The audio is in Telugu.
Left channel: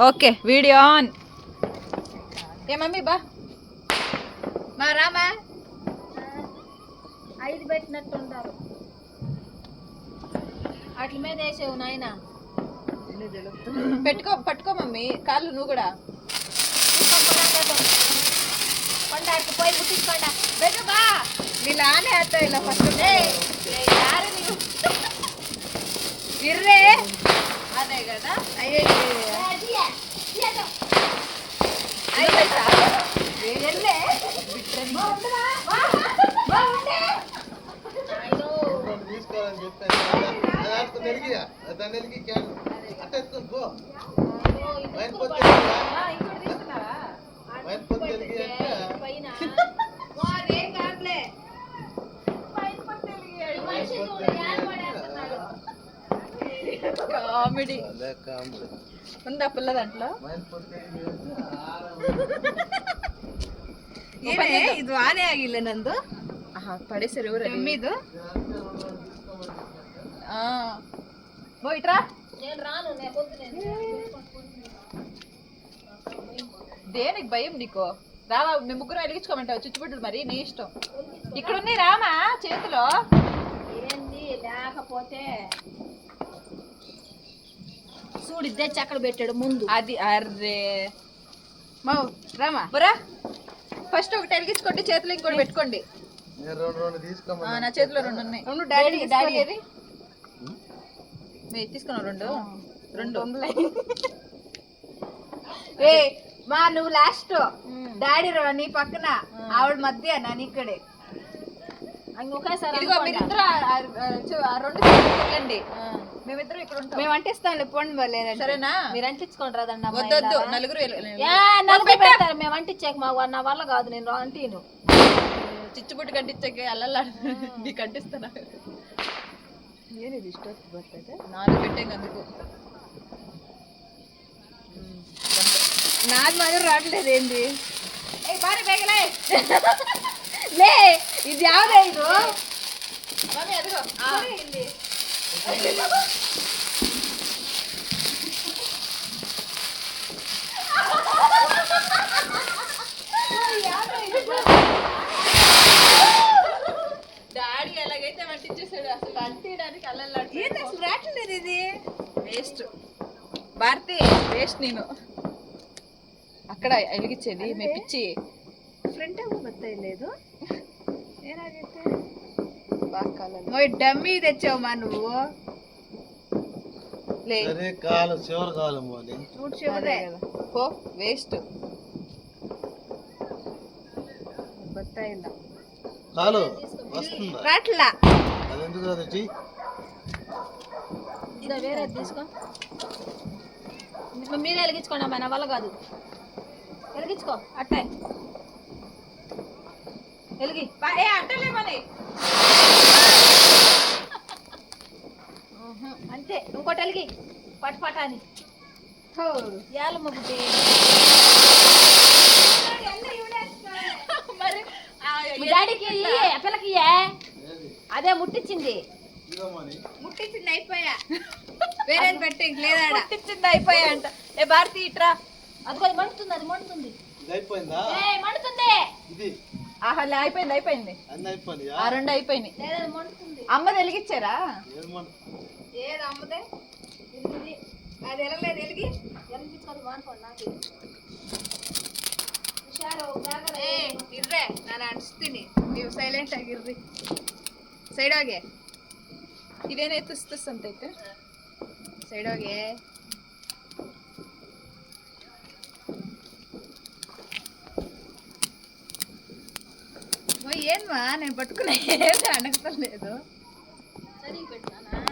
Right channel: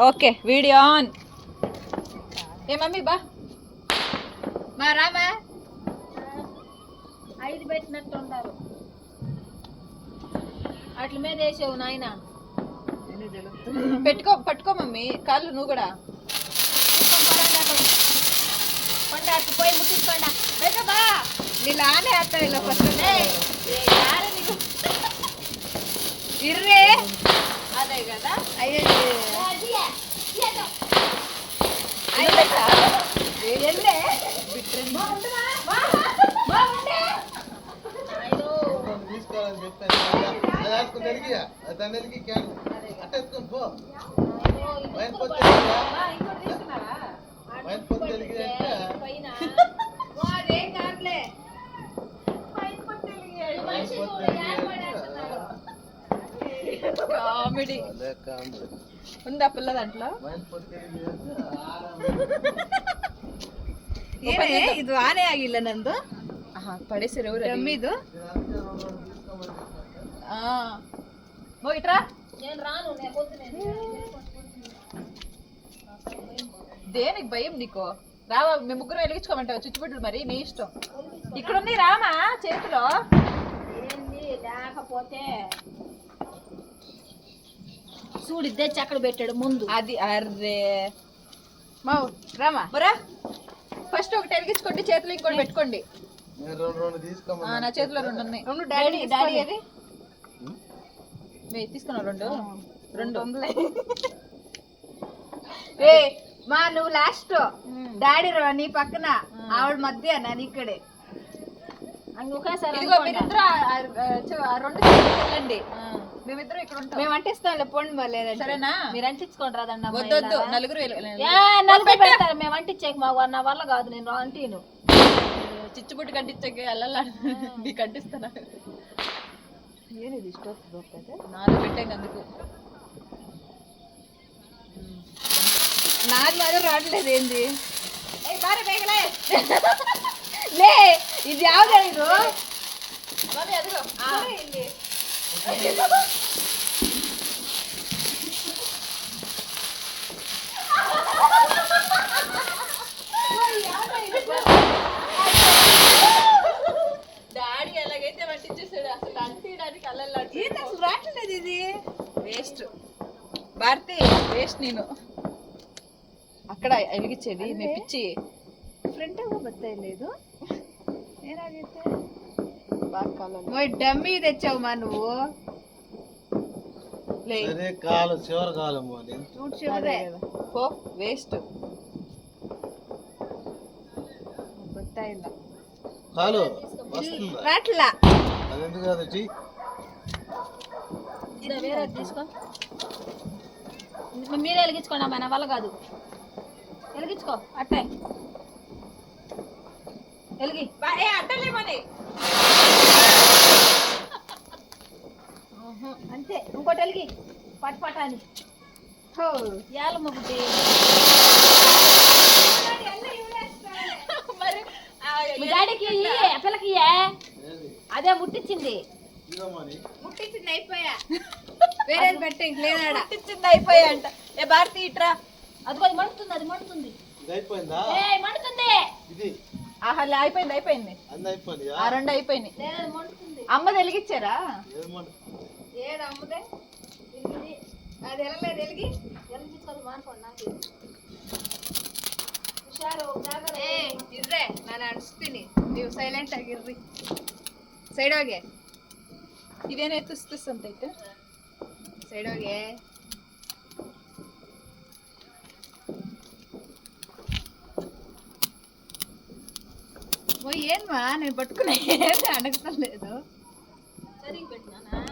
Okay video on. A mummy బా మా రామా 5 పెట్టినట్టు ఉంటారు. అట్ల మీద వేసావు నాయన. పట్టుకో మమ్మీ కాళ్ళు నువ్వు కూడా కొండకు పోయి ముట్టించుకోండా బా వీళ్ళు ఆనే వేస్తావు ఇలా ఫస్ట్ ఇర్రే అదే కదా. అయ్యో కామెడీ ఉందా పిల్ల దాంట్లో ಏನೇ ಇದು ಆನೆ ಆಗಿಲ್ಲ ನಂದು ಪಡಿಸರಿ ಇದು ఇట్రా నేను రాను, దేనికి భయం నీకు? రావా మేము ముగ్గురు వెలిగించుకోమంటావు చిచ్చుబుడ్లు, మరి నీ ఇష్టం. ఇక్కడ ఉంది రామా చేతిలో. ఏంది లేకపోతే చూడు ఇద్దరు చక్కడ పెట్టాడు ముందు. అది అర్రే మావు రామా బరా ఫస్ట్ ఒకటి వెలిగించుకోండి, చేతిలో ఇంకోటి పెట్టుకోండి. నా చేతిలో 2 ఉన్నాయి. డాడీ ఏది తీసుకున్నావు? 2 ఏ మా నువ్వు లాస్ట్ డాడీ నీ పక్కన ఆవిడ మధ్య నన్ను ఇక్కడే. ఒకేసారి మీరిద్దరు 2 చేయండి, మేమిద్దరం ఇక్కడ ఉంటాం. మేము అంటిస్తాంలే పోండి మళ్ళీ. సరేనా? మీరు అంటించుకోండి రాదండి. వద్దొద్దు, నలుగురు పెడతారు, మేము అంటించాక నా వల్ల కాదు, నేను అంటీను. చిచ్చుబుట్టు కంటించాక అల్లల్లా నీకు అంటిస్తానా? ఏనిది ఇష్టం బರ್ತದೆ 4 పెట్టాక అందుకు నాది మాత్రం రావట్లేదు. ఏంది బారి ಬೇಗಲೇ లే ఇది యావదే ಇದು మమ్మీ అదిగో ಇಲ್ಲಿ డాడీ ఎలాగైతే వంటించేసాడు, అసలు అంటించడానికి అల్లల్లా అసలు రావట్లేదు. ఇది వేస్ట్ భారతి, వేస్ట్. నేను అక్కడ వెలిగించేది మెప్పించి ಫ್ರಂಟ್ ಬರ್ತಾ లేదు ಏನಾಗೈತೆ బాగా కాలం డమ్మీ తెచ్చావుమా నువ్వు. పో వేస్ట్ ಬರ್ತಾ ಇಲ್ಲ వస్తుందా? రాట్లా అదెందుకు కాదు టీ? వేరే తీసుకో, మీరే వెలిగించుకోండి అమ్మా, నా వల్ల కాదు. వెలిగించుకో అట్టే వెలిగి అంటలేమని అంతే. ఇంకోటి వెలిగి పట అని ఏళ్ళ ముగ్గుటి. మీ డాడీకి పిల్లకి అదే ముట్టించింది. ముట్టించింది అయిపోయా, వేరే పెట్టే లేదా ముట్టించింది అయిపోయా అంట. ఏ భారతి ఇట్రా, అదిగో అది మండుతుంది, అది మండుతుంది. మండుతుంది. ఆహా అయిపోయింది. ఆ 2 అయిపోయినాయి. లేదా మండుతుంది. అమ్మ వెలిగించారా? ఏది అమ్మదే అది ఎలగలేదు. ఎలిగి వెలిగించుకోదు మానుకోండి. నాకు ಇರ್ರೆ ನಾನು ಅನಿಸ್ತೀನಿ, ನೀವು ಸೈಲೆಂಟ್ ಆಗಿರ್ರಿ. ಸೈಡ್ ಹೋಗಿ, ಇದೇನೇ ತುಸ್ ಅಂತೈತೆ. ಸೈಡ್ ಹೋಗಿ. ఏన్మా నేను పట్టుకున్నా, ఏది అడగలేదు. సరే పెట్టు.